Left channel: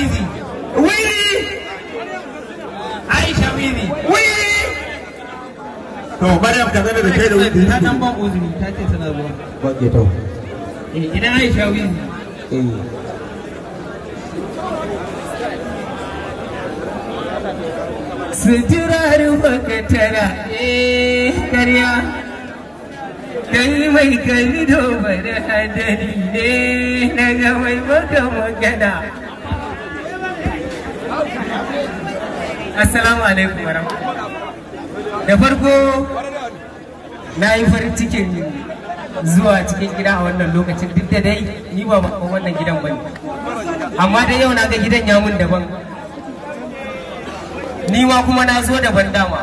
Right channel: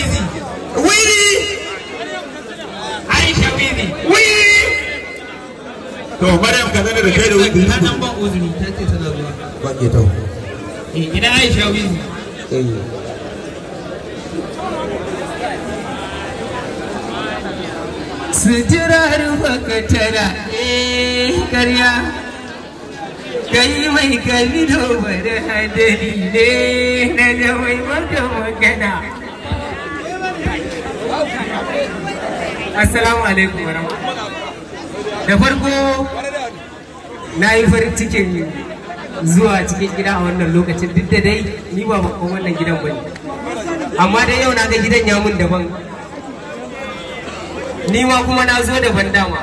Wizi. Wizi. Aisha Wizi. Wizi. To Maryam ka zana da kai da Wizi. Ta dan ban uzuri ta ce tana zuwa. Ba ke to. Ina Aisha Wizi. Suturar bakatara karya kai mai kallo bada hadari ne na ga mai maka magana. Assalamu alaikum warahmatullahi. Da farko na yi farin cikin zuwa cikin gida a wannan lokacin, duk da dai ni ba bakon wannan gidan bane, amma dai yau na ga gidan ya mun daban, ni ma kuma na zo daban dama.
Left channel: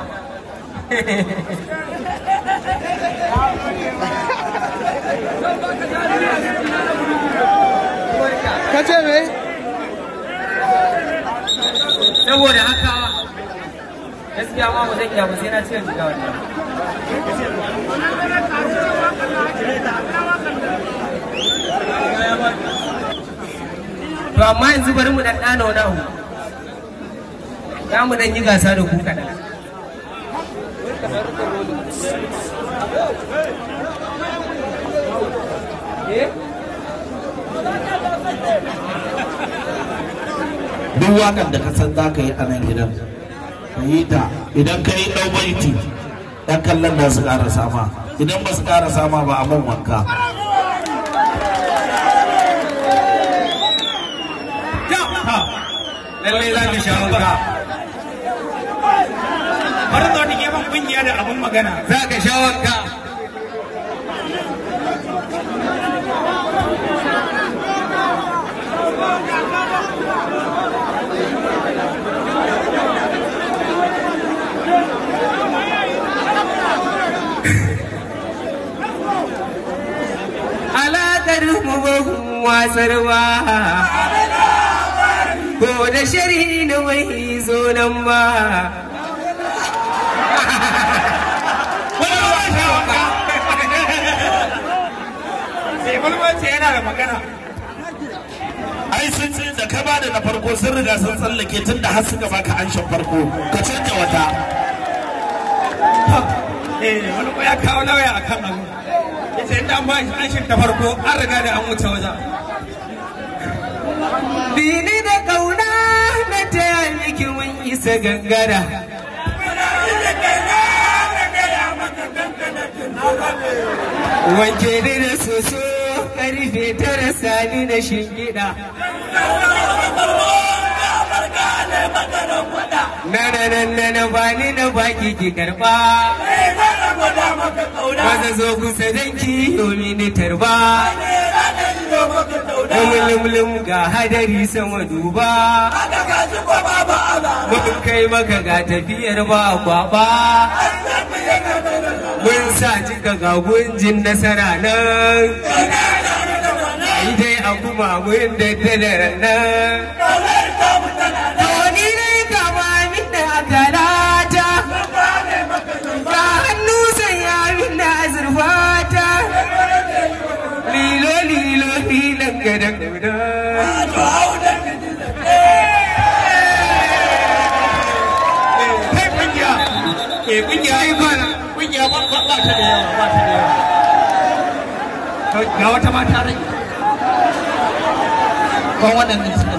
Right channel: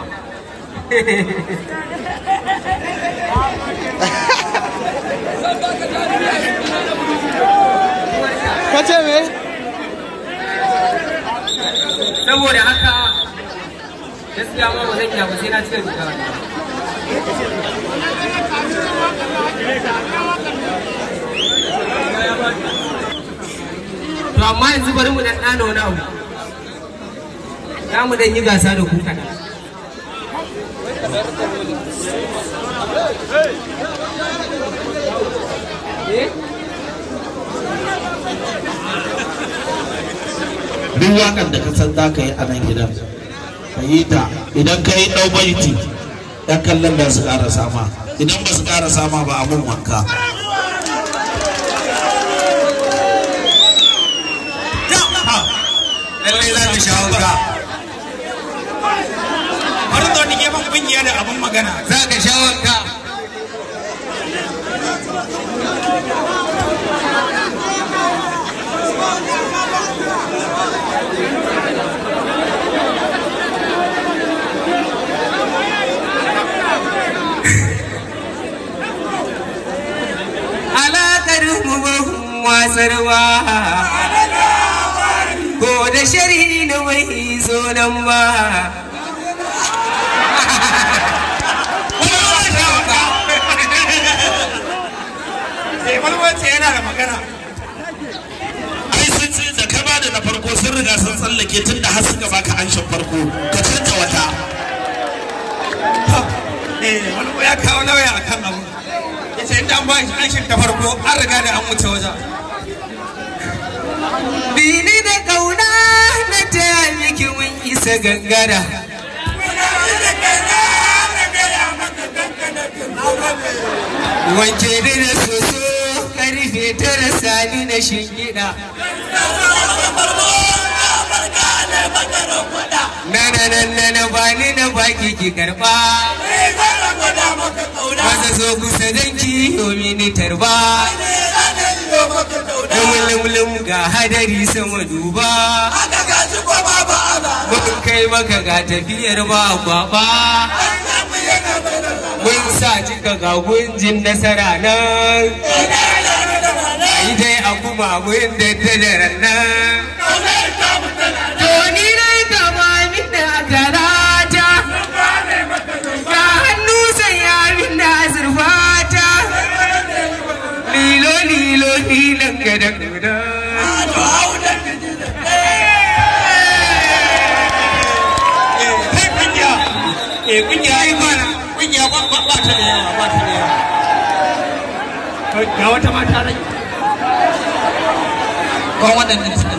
Kace me? Saboda haka gaskiya ma ba zan iya ba sai na cire riga wannan. To amma yanzu bari mu dan dana wani abu. Za mu dan yi gasa da ku kaɗan. Duk wakan da ka san za ka yi a nan gidan ka yi ta, idan ka yi ɗau baiti ɗan kallon da su ƙara sama, idan ba su ƙara sama ba a man wanka. Lallai za ka sha wanka. Har da wani gefen kungiya da abin magana. Za ka sha wanka. Alaƙar mu wasarwa ko da shari na wai zo nan ba. Walwace yana da magana. Ai sun ce da ka bada na farko sun riga sun tsallake tun da har suka baka anshin farko ka canta wata. Wani ya kawo lauya a kan abu. Ya ce inda an ba shi anshin ta farko an riga da an wuce wajen. Bini da ƙauna na ta yaliki mun isa gangara. Wanke da na soso karfe tara sani na shingida. Na bani na baki ki karba. Maza zo kusa danki yomi ni tarba. Mulmulum ga hadari sama duba. Mun kai maka ga tafiyar ba kwaba. Mun sa cika ga gunjin nasara nan. Ai dai a kuma mun da tadaran nan. To ni na kama min da garata. Ga hannu sanya min da azurfata. Lilo lilan gadan guda. Kungiya ai ba kungiya ba ta da yawa, ba ta da yawa. Ga wata mata rai. Ba waɗannan suna